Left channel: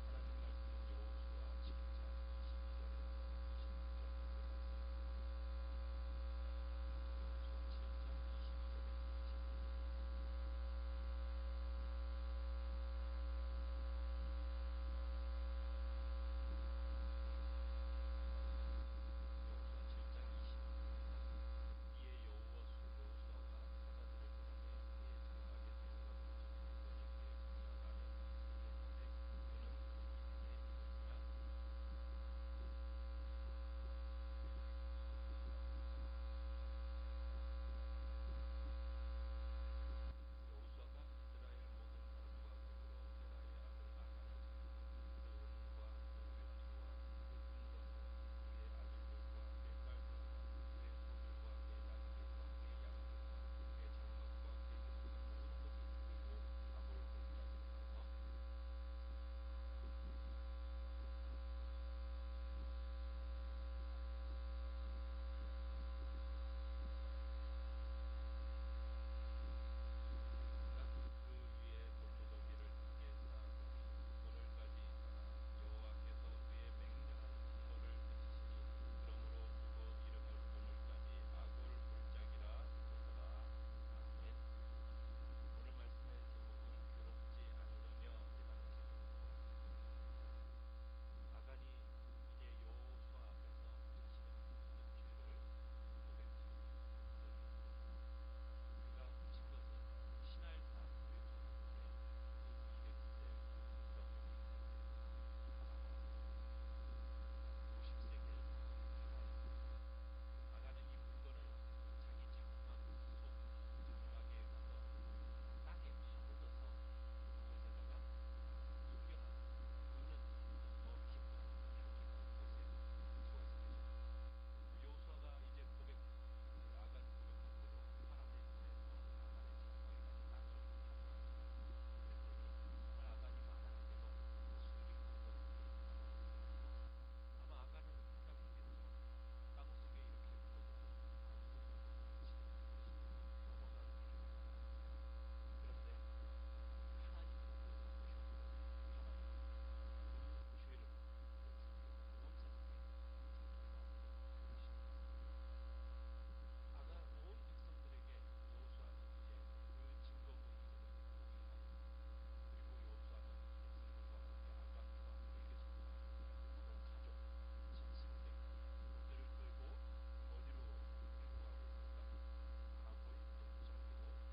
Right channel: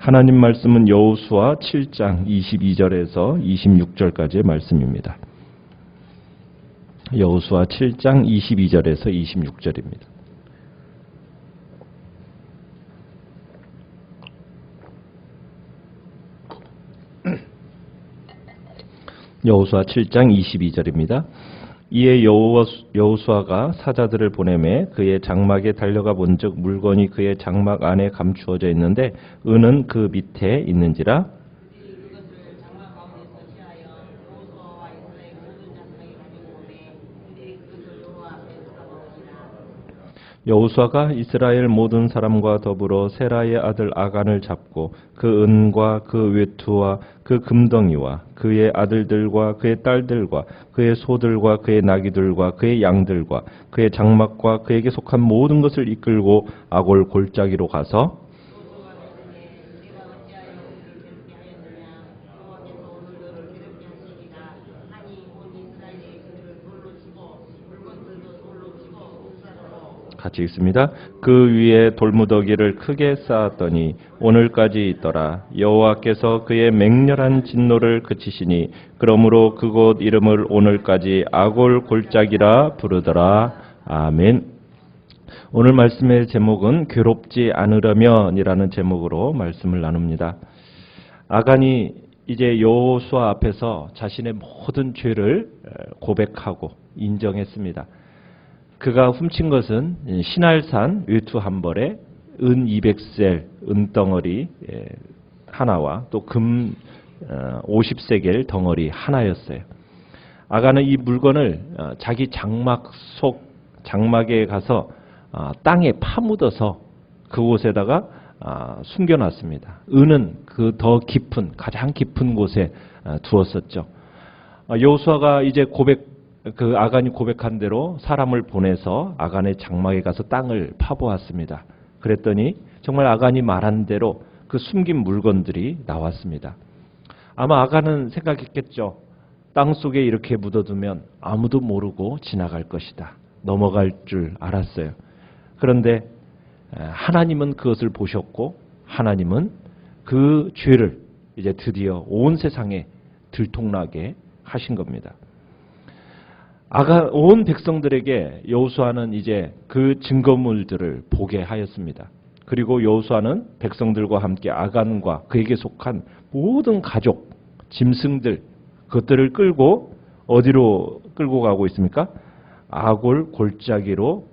하나님 말씀은 여호수아 7장 22절에서 26절까지의 말씀입니다. 여호수아 7장 22절에서 26절입니다. 여호수아 7장 22절입니다. 이에 여호수아가 사자들을 보내매 그의 장막에 달려가 본즉 물건이 그의 장막 안에 감추어져 있는데 은은 그 밑에 있는지라. 여호수아가 이스라엘 모든 사람과 더불어 세라의 아들 아간을 잡고 그 은과 그 외투와 그 금덩이와 그의 아들들과 그의 딸들과 그의 소들과 그의 나귀들과 그의 양들과 그의 장막과 그에게 속한 모든 것을 이끌고 아골 골짜기로 가서 같이 읽습니다. 그 위에 돌무더기를 크게 쌓았더니 오늘까지 있더라. 여호와께서 그의 맹렬한 진노를 그치시니 그러므로 그곳 이름을 오늘까지 아골 골짜기라 부르더라. 아멘. 오늘 말씀의 제목은 괴롭지 않으려면이라는 제목으로 말씀을 나눕니다. 아간이 이제 여호수아 앞에서 자신의 모든 죄를 고백하고 인정했습니다. 그가 훔친 것은 신할산 외투 한 벌에 은 200셀 은덩어리 하나와 또 금 50세겔 덩어리 하나였어요. 아간은 이 물건을 자기 장막에 가서 땅에 파묻어서 그곳에다가 숨겨놨습니다. 은은 그 더 깊은 가장 깊은 곳에 두었었죠. 여호수아가 이제 그 아간이 고백한 대로 사람을 보내서 아간의 장막에 가서 땅을 파보았습니다. 그랬더니 정말 아간이 말한 대로 그 숨긴 물건들이 나왔습니다. 아마 아간은 생각했겠죠. 땅 속에 이렇게 묻어두면 아무도 모르고 지나갈 것이다. 넘어갈 줄 알았어요. 그런데 하나님은 그것을 보셨고 하나님은 그 죄를 이제 드디어 온 세상에 들통나게 하신 겁니다. 온 백성들에게 여호수아는 이제 그 증거물들을 보게 하였습니다. 그리고 여호수아는 백성들과 함께 아간과 그에게 속한 모든 가족, 짐승들 그것들을 끌고 어디로 끌고 가고 있습니까? 아골 골짜기로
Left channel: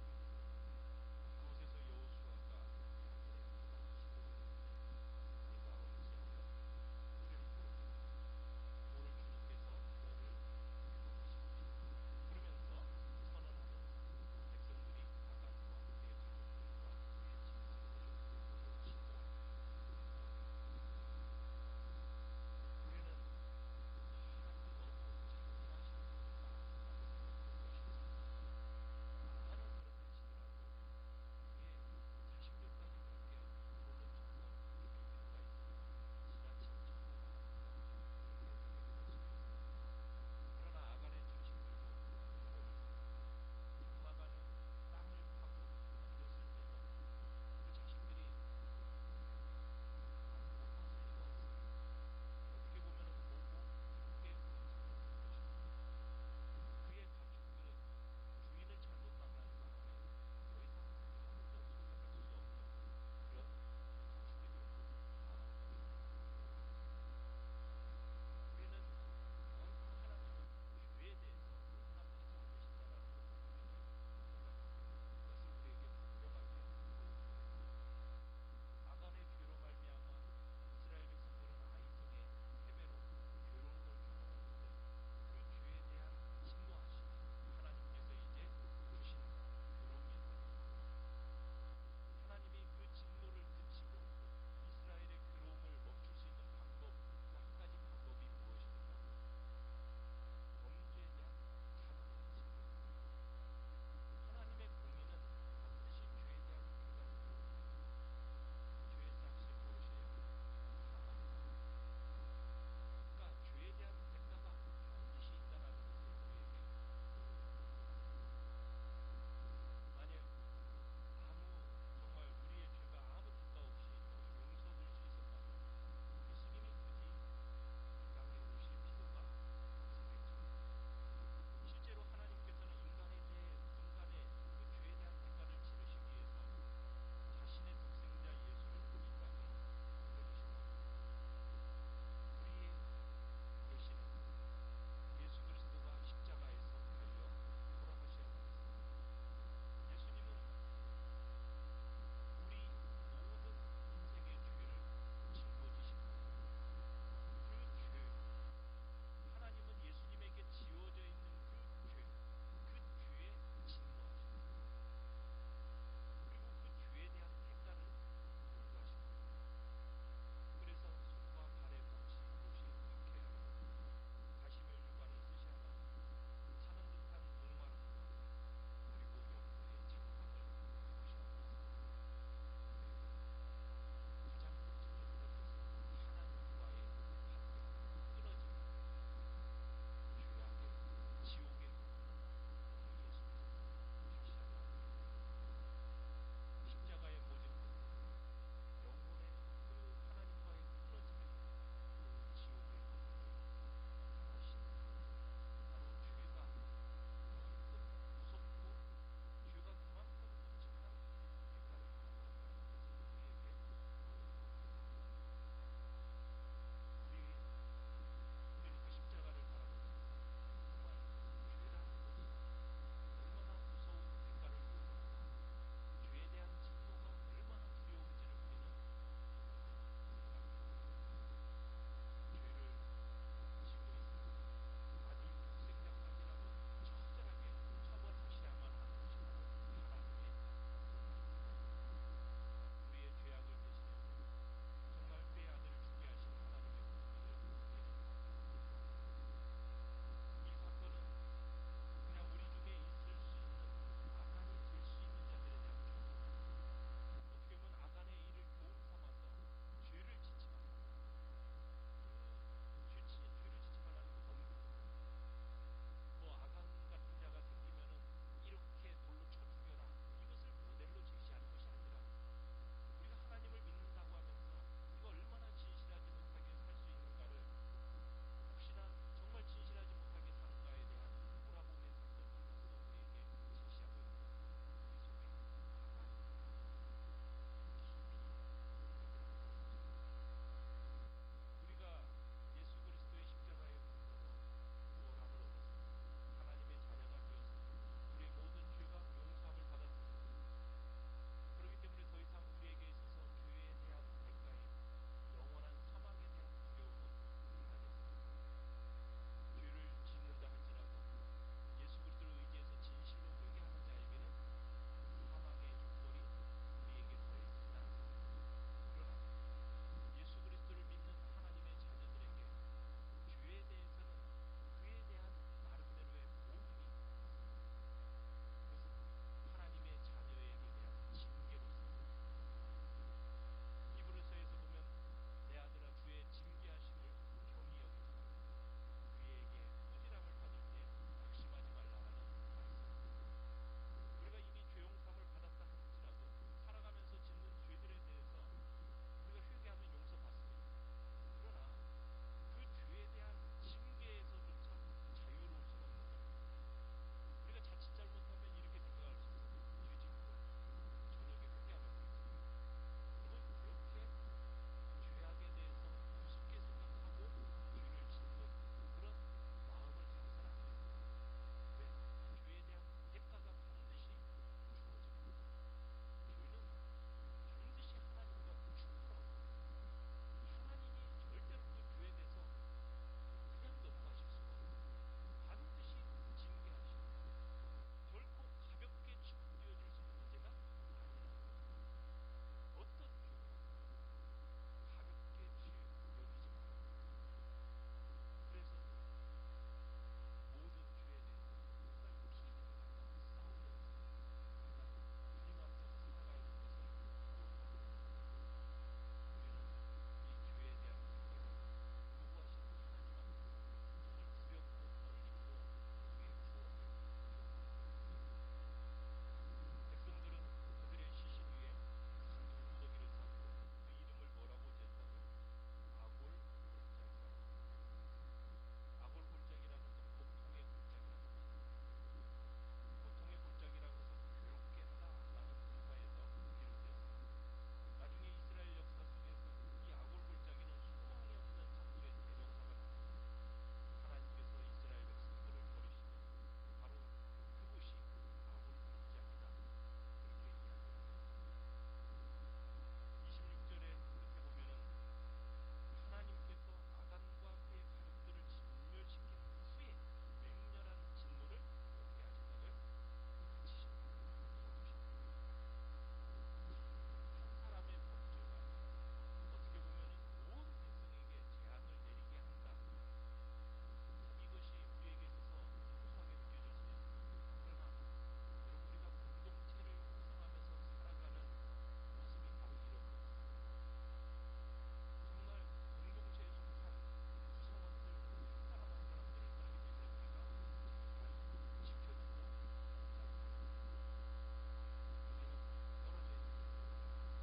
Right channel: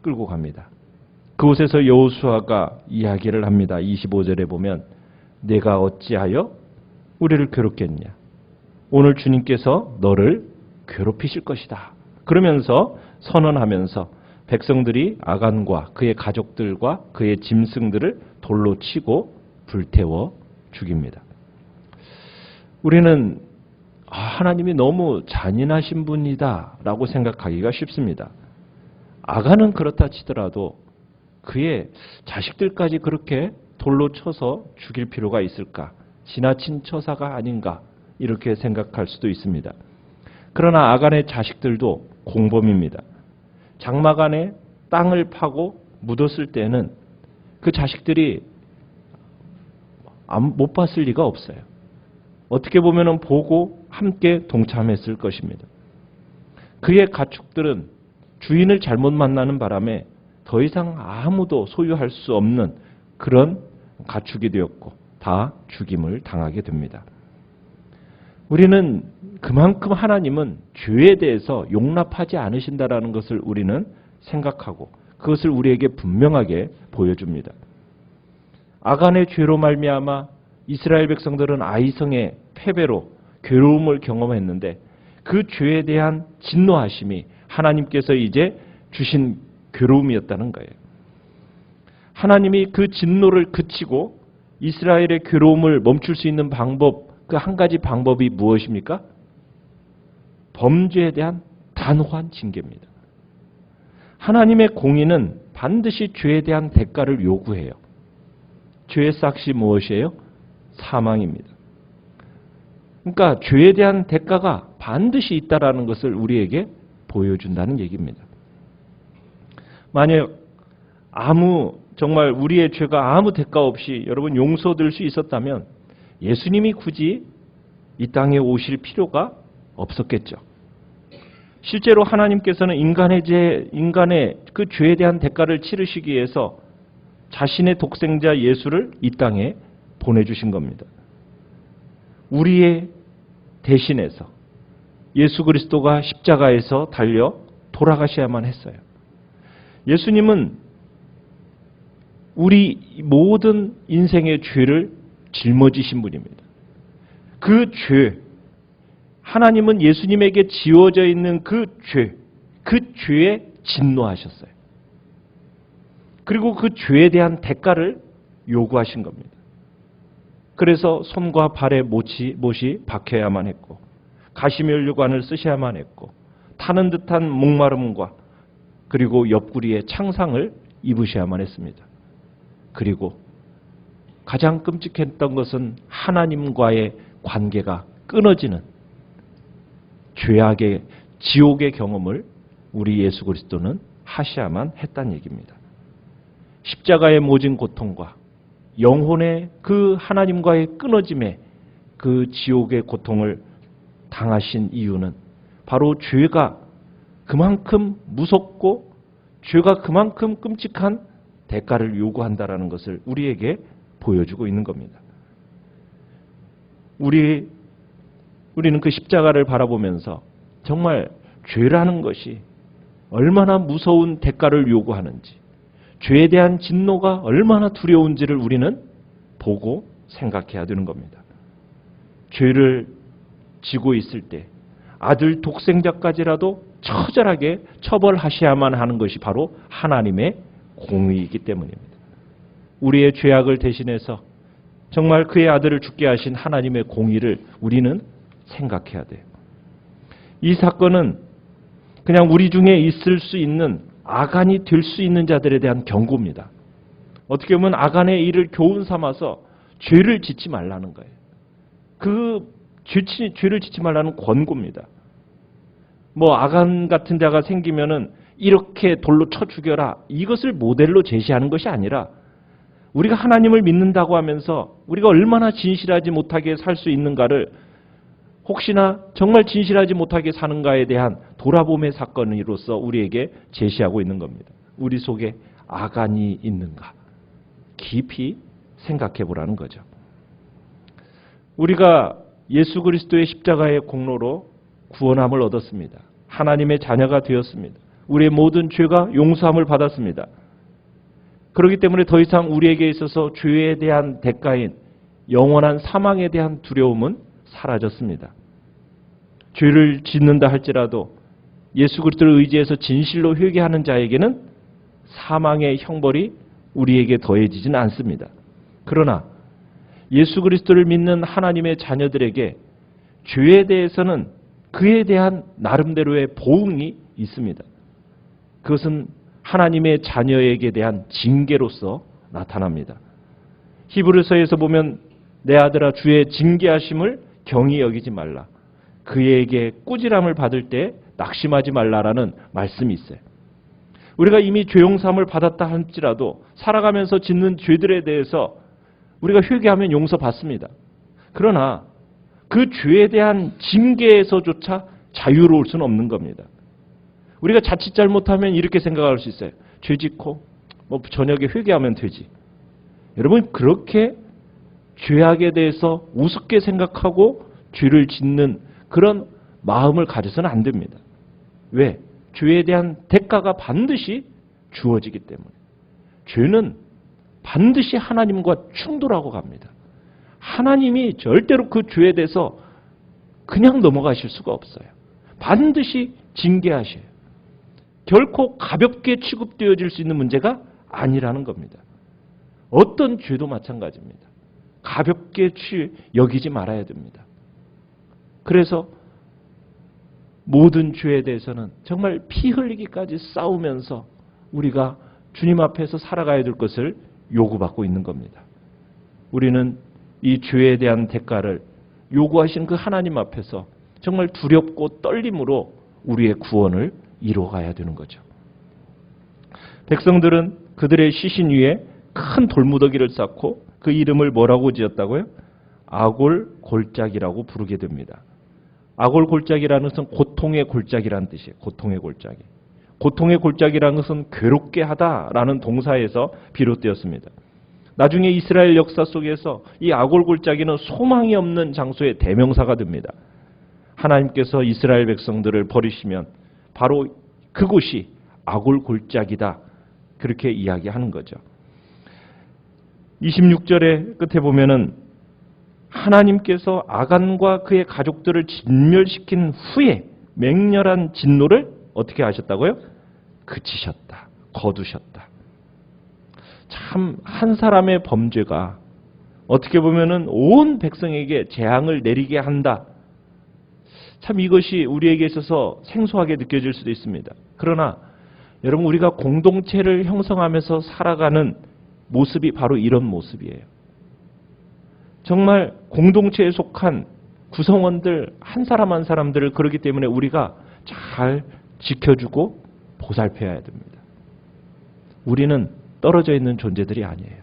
끌고 갑니다. 그곳에서 여호수아가 이야기를 합니다. 25절에 보면 내가 어찌하여 우리를 괴롭겠냐? 오늘 주님께서 너를 괴롭히실 것이다. 그러면서 선언하면서 백성들이 아간과 그의 가족들과 그의 짐승들을 돌로 치고 불태워 죽입니다. 우리는 하나님이 너무 잔인하신 분이다 라고 생각하기가 쉽습니다. 아간은 그렇다 치더라도 그의 자식들까지 그렇게 돌로 쳐서 죽일 필요가 있을까? 지나친 처사가 아닌가? 이렇게 생각할 수도 있습니다. 그러나 아간의 자식들도 공범입니다. 장막 안에 땅을 파고 묻었을 때는 그 자식들이 못 봤을 리가 없어요. 어떻게 보면 보고 함께 동참했을 것입니다. 그의 가축들은 주인을 잘못 만나는 바람에 더 이상 아무도 소유할 수 없는 그런 가축이 되었고 다 죽임을 당하게 됩니다. 우리는 그만큼 하나님은 죄에 대해서 용납하지 않으신다라는 것을 우리는 생각하고 그것을 우리에게 분명하게 보여줍니다. 아간의 죄로 말미암아 이스라엘 백성들은 아이성의 패배로 괴로움을 경험했는데 그 죄에 대한 진노하심이 하나님께서 이제 주신 괴로움이었다는 거예요. 하나님이 그 진노를 그치고 이스라엘의 괴로움을 멈출 수 있는 방법 그 한 가지 방법이 무엇입니까? 범죄에 대한 단호한 징계입니다. 하나님의 공의는 반드시 죄에 대한 대가를 요구해요. 죄의 삭시 무엇이에요? 사망입니다. 그러니까 죄에 대한 대가가 반드시 있다라는 것을 우리에게 보여준다는 얘기입니다. 만약 아무 정말 우리의 죄가 아무 대가 없이 여러분 용서될 수 있었다면 예수님이 굳이 이 땅에 오실 필요가 없었겠죠. 실제로 하나님께서는 인간의 그 죄에 대한 대가를 치르시기 위해서 자신의 독생자 예수를 이 땅에 보내주신 겁니다. 우리의 대신해서 예수 그리스도가 십자가에서 달려 돌아가셔야만 했어요. 예수님은 우리 모든 인생의 죄를 짊어지신 분입니다. 그 죄, 하나님은 예수님에게 지워져 있는 그 죄에 진노하셨어요. 그리고 그 죄에 대한 대가를 요구하신 겁니다. 그래서 손과 발에 못이 박혀야만 했고 가시면류관을 쓰셔야만 했고 타는 듯한 목마름과 그리고 옆구리에 창상을 입으셔야만 했습니다. 그리고 가장 끔찍했던 것은 하나님과의 관계가 끊어지는 죄악의 지옥의 경험을 우리 예수 그리스도는 하셔야만 했다는 얘기입니다. 십자가의 모진 고통과 영혼의 그 하나님과의 끊어짐의 그 지옥의 고통을 당하신 이유는 바로 죄가 그만큼 무섭고 죄가 그만큼 끔찍한 대가를 요구한다라는 것을 우리에게 보여주고 있는 겁니다. 우리는 그 십자가를 바라보면서 정말 죄라는 것이 얼마나 무서운 대가를 요구하는지, 죄에 대한 진노가 얼마나 두려운지를 우리는 보고 생각해야 되는 겁니다. 죄를 지고 있을 때 아들 독생자까지라도 처절하게 처벌하셔야만 하는 것이 바로 하나님의 공의이기 때문입니다. 우리의 죄악을 대신해서 정말 그의 아들을 죽게 하신 하나님의 공의를 우리는 생각해야 돼요. 이 사건은 그냥 우리 중에 있을 수 있는 아간이 될 수 있는 자들에 대한 경고입니다. 어떻게 보면 아간의 일을 교훈 삼아서 죄를 짓지 말라는 거예요. 그 죄를 짓지 말라는 권고입니다. 뭐 아간 같은 자가 생기면은 이렇게 돌로 쳐 죽여라, 이것을 모델로 제시하는 것이 아니라 우리가 하나님을 믿는다고 하면서 우리가 얼마나 진실하지 못하게 살 수 있는가를, 혹시나 정말 진실하지 못하게 사는가에 대한 돌아봄의 사건으로서 우리에게 제시하고 있는 겁니다. 우리 속에 아간이 있는가 깊이 생각해 보라는 거죠. 우리가 예수 그리스도의 십자가의 공로로 구원함을 얻었습니다. 하나님의 자녀가 되었습니다. 우리의 모든 죄가 용서함을 받았습니다. 그렇기 때문에 더 이상 우리에게 있어서 죄에 대한 대가인 영원한 사망에 대한 두려움은 사라졌습니다. 죄를 짓는다 할지라도 예수 그리스도를 의지해서 진실로 회개하는 자에게는 사망의 형벌이 우리에게 더해지지는 않습니다. 그러나 예수 그리스도를 믿는 하나님의 자녀들에게 죄에 대해서는 그에 대한 나름대로의 보응이 있습니다. 그것은 하나님의 자녀에게 대한 징계로서 나타납니다. 히브리서에서 보면 내 아들아 주의 징계하심을 경히 여기지 말라. 그에게 꾸지람을 받을 때 낙심하지 말라라는 말씀이 있어요. 우리가 이미 죄용삼을 받았다 할지라도 살아가면서 짓는 죄들에 대해서 우리가 회개하면 용서받습니다. 그러나 그 죄에 대한 징계에서조차 자유로울 수는 없는 겁니다. 우리가 자칫 잘못하면 이렇게 생각할 수 있어요. 죄 짓고 뭐 저녁에 회개하면 되지. 여러분, 그렇게 죄악에 대해서 우습게 생각하고 죄를 짓는 그런 마음을 가져서는 안 됩니다. 왜? 죄에 대한 대가가 반드시 주어지기 때문에. 죄는 반드시 하나님과 충돌하고 갑니다. 하나님이 절대로 그 죄에 대해서 그냥 넘어가실 수가 없어요. 반드시 징계하셔요. 결코 가볍게 취급되어질 수 있는 문제가 아니라는 겁니다. 어떤 죄도 마찬가지입니다. 가볍게 여기지 말아야 됩니다. 그래서 모든 죄에 대해서는 정말 피 흘리기까지 싸우면서 우리가 주님 앞에서 살아가야 될 것을 요구받고 있는 겁니다. 우리는 이 죄에 대한 대가를 요구하신 그 하나님 앞에서 정말 두렵고 떨림으로 우리의 구원을 이루어가야 되는 거죠. 백성들은 그들의 시신 위에 큰 돌무더기를 쌓고 그 이름을 뭐라고 지었다고요? 아골 골짜기라고 부르게 됩니다. 아골 골짜기라는 것은 고통의 골짜기라는 뜻이에요. 고통의 골짜기. 고통의 골짜기라는 것은 괴롭게 하다라는 동사에서 비롯되었습니다. 나중에 이스라엘 역사 속에서 이 아골 골짜기는 소망이 없는 장소의 대명사가 됩니다. 하나님께서 이스라엘 백성들을 버리시면 바로 그곳이 아골 골짜기다. 그렇게 이야기하는 거죠. 26절의 끝에 보면은 하나님께서 아간과 그의 가족들을 진멸시킨 후에 맹렬한 진노를 어떻게 하셨다고요? 그치셨다. 거두셨다. 참 한 사람의 범죄가 어떻게 보면은 온 백성에게 재앙을 내리게 한다. 참 이것이 우리에게 있어서 생소하게 느껴질 수도 있습니다. 그러나 여러분 우리가 공동체를 형성하면서 살아가는 모습이 바로 이런 모습이에요. 정말 공동체에 속한 구성원들 한 사람 한 사람들을 그러기 때문에 우리가 잘 지켜주고 보살펴야 됩니다. 우리는 떨어져 있는 존재들이 아니에요.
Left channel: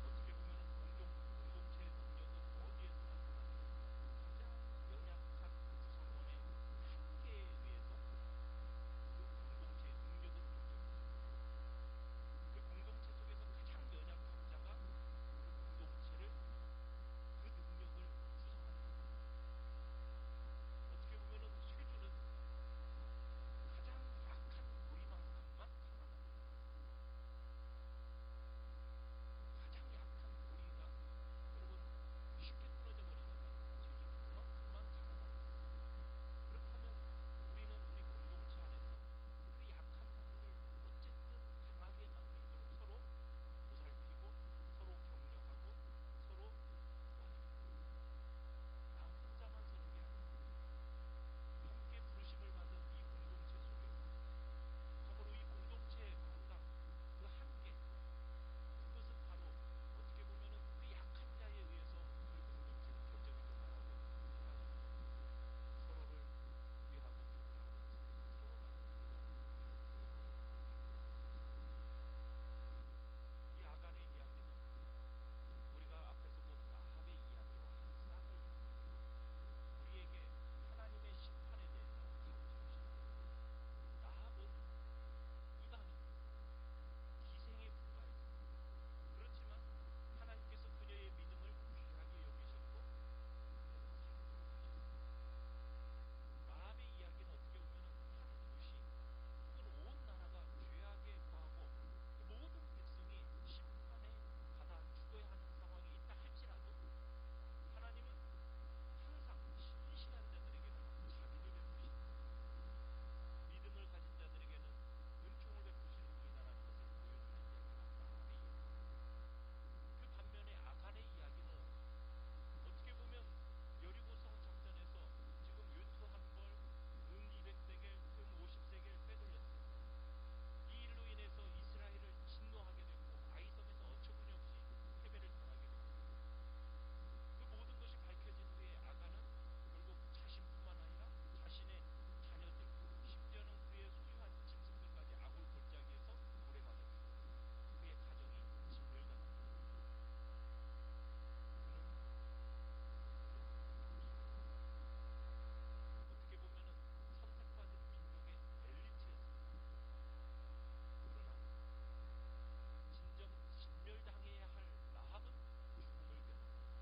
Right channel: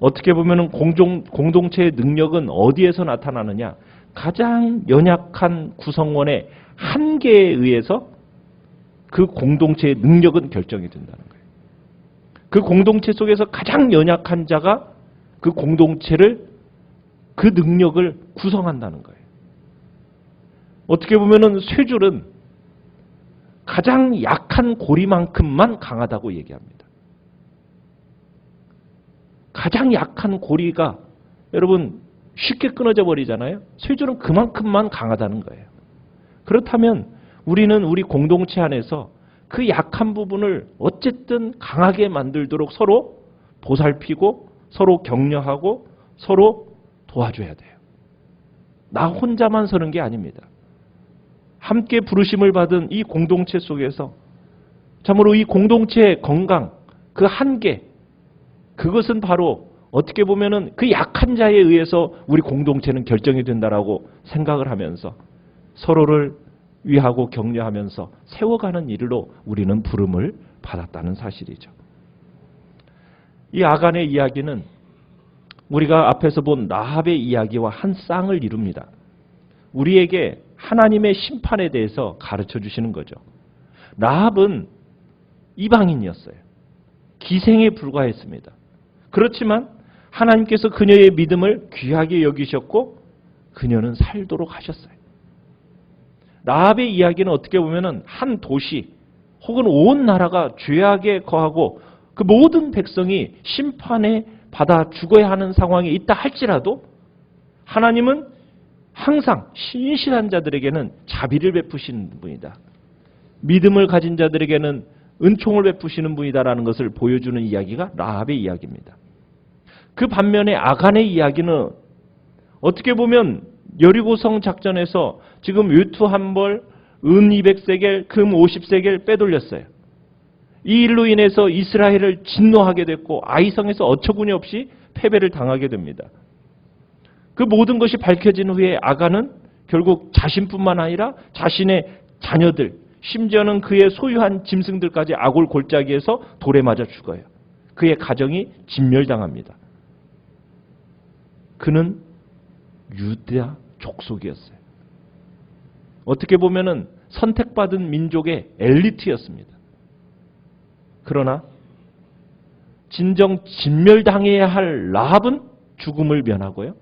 어떻게 보면 공동체의 능력은 어디에서 나타나느냐? 가장 연약한 구성원의 한계에 의해서 그 공동체의 능력은 결정이 된다는 거예요. 그 공동체 속에서 가장 연약한 자가 그 공동체를, 그 능력을 구성한다는 거예요. 어떻게 보면 쇠줄은 가장 약한 고리만큼만 강하다고 얘기합니다. 가장 약한 고리가 여러분 쉽게 끊어져 버리잖아요. 쇠줄은 그만큼만 강하다는 거예요. 그렇다면 우리는 우리 공동체 안에서 그 약한 부분을 어쨌든 강하게 만들도록 서로 보살피고 서로 격려하고 서로 도와줘야 돼요. 나 혼자만 서는 게 아닙니다. 함께 부르심을 받은 이 공동체 속에서 참으로 이 공동체의 건강, 그 한계, 그것은 바로 어떻게 보면은 그 약한 자에 의해서 우리 공동체는 결정이 된다라고 생각을 하면서 서로를 위하고 격려하면서 세워가는 일로 우리는 부름을 받았다는 사실이죠. 이 아간의 이야기는 우리가 앞에서 본 라합의 이야기와 한 쌍을 이룹니다. 우리에게 하나님의 심판에 대해서 가르쳐 주시는 거죠. 라합은 이방인이었어요. 기생에 불과했습니다. 그렇지만 하나님께서 그녀의 믿음을 귀하게 여기셨고 그녀는 살도록 하셨어요. 라합의 이야기는 어떻게 보면 한 도시 혹은 온 나라가 죄악에 거하고 그 모든 백성이 심판에 받아 죽어야 하는 상황에 있다 할지라도 하나님은 항상 신실한 자들에게는 자비를 베푸시는 분이다. 믿음을 가진 자들에게는 은총을 베푸시는 분이다라는 것을 보여주는 이야기가 라합의 이야기입니다. 그 반면에 아간의 이야기는 어떻게 보면 여리고성 작전에서 지금 외투 한 벌, 은 200세겔, 금 50세겔 빼돌렸어요. 이 일로 인해서 이스라엘을 진노하게 됐고 아이성에서 어처구니 없이 패배를 당하게 됩니다. 그 모든 것이 밝혀진 후에 아간은 결국 자신뿐만 아니라 자신의 자녀들, 심지어는 그의 소유한 짐승들까지 아골 골짜기에서 돌에 맞아 죽어요. 그의 가정이 진멸당합니다. 그는 유다 족속이었어요. 어떻게 보면은 선택받은 민족의 엘리트였습니다. 그러나 진정 진멸당해야 할 라합은 죽음을 면하고요.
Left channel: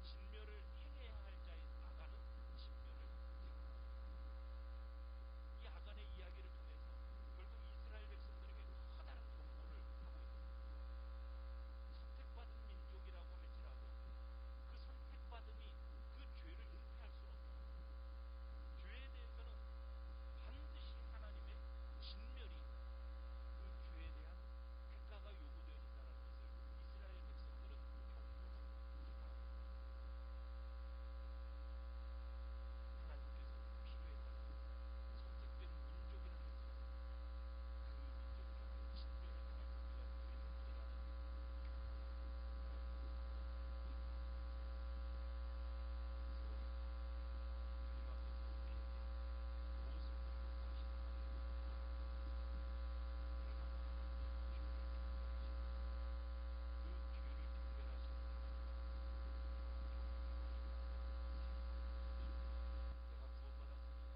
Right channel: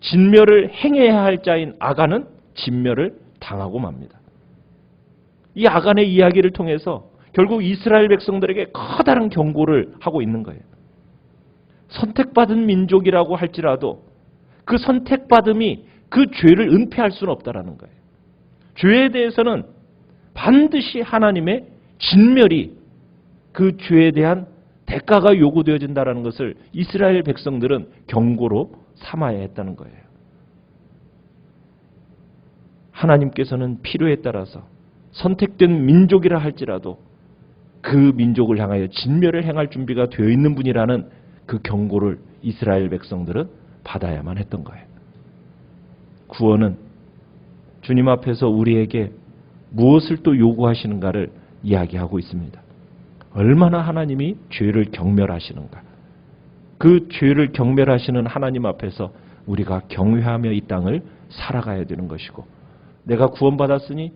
진멸을 행해야 할 자인 아간은 진멸을 당하고 맙니다. 이 아간의 이야기를 통해서 결국 이스라엘 백성들에게 커다란 경고를 하고 있는 거예요. 선택받은 민족이라고 할지라도 그 선택받음이 그 죄를 은폐할 수는 없다라는 거예요. 죄에 대해서는 반드시 하나님의 진멸이 그 죄에 대한 대가가 요구되어진다는 것을 이스라엘 백성들은 경고로 삼아야 했다는 거예요. 하나님께서는 필요에 따라서 선택된 민족이라 할지라도 그 민족을 향하여 진멸을 행할 준비가 되어 있는 분이라는 그 경고를 이스라엘 백성들은 받아야만 했던 거예요. 구원은 주님 앞에서 우리에게 무엇을 또 요구하시는가를 이야기하고 있습니다. 얼마나 하나님이 죄를 경멸하시는가. 그 죄를 경멸하시는 하나님 앞에서 우리가 경외하며 이 땅을 살아가야 되는 것이고, 내가 구원받았으니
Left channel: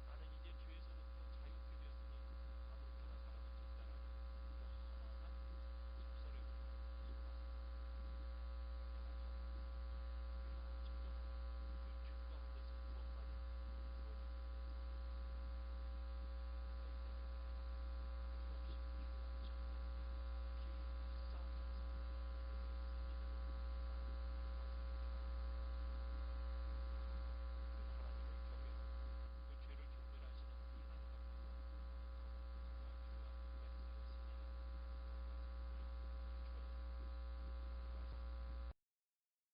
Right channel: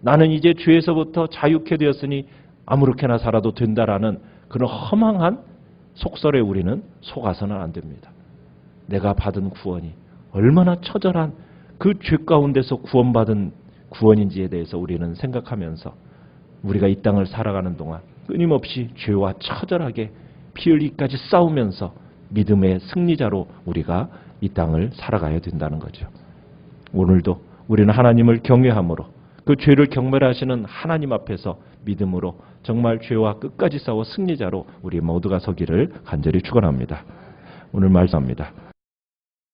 나는 이제 죄에서부터 자유케 되었으니 아무렇게나 살아도 된다라는 그런 허망한 속설에 우리는 속아서는 안 됩니다. 내가 받은 구원이 얼마나 처절한 그 죄 가운데서 구원받은 구원인지에 대해서 우리는 생각하면서 우리가 이 땅을 살아가는 동안 끊임없이 죄와 처절하게 피 흘리기까지 싸우면서 믿음의 승리자로 우리가 이 땅을 살아가야 된다는 거죠. 오늘도 우리는 하나님을 경외함으로 그 죄를 경멸하시는 하나님 앞에서 믿음으로 정말 죄와 끝까지 싸워 승리자로 우리 모두가 서기를 간절히 축원합니다. 오늘 말씀합니다.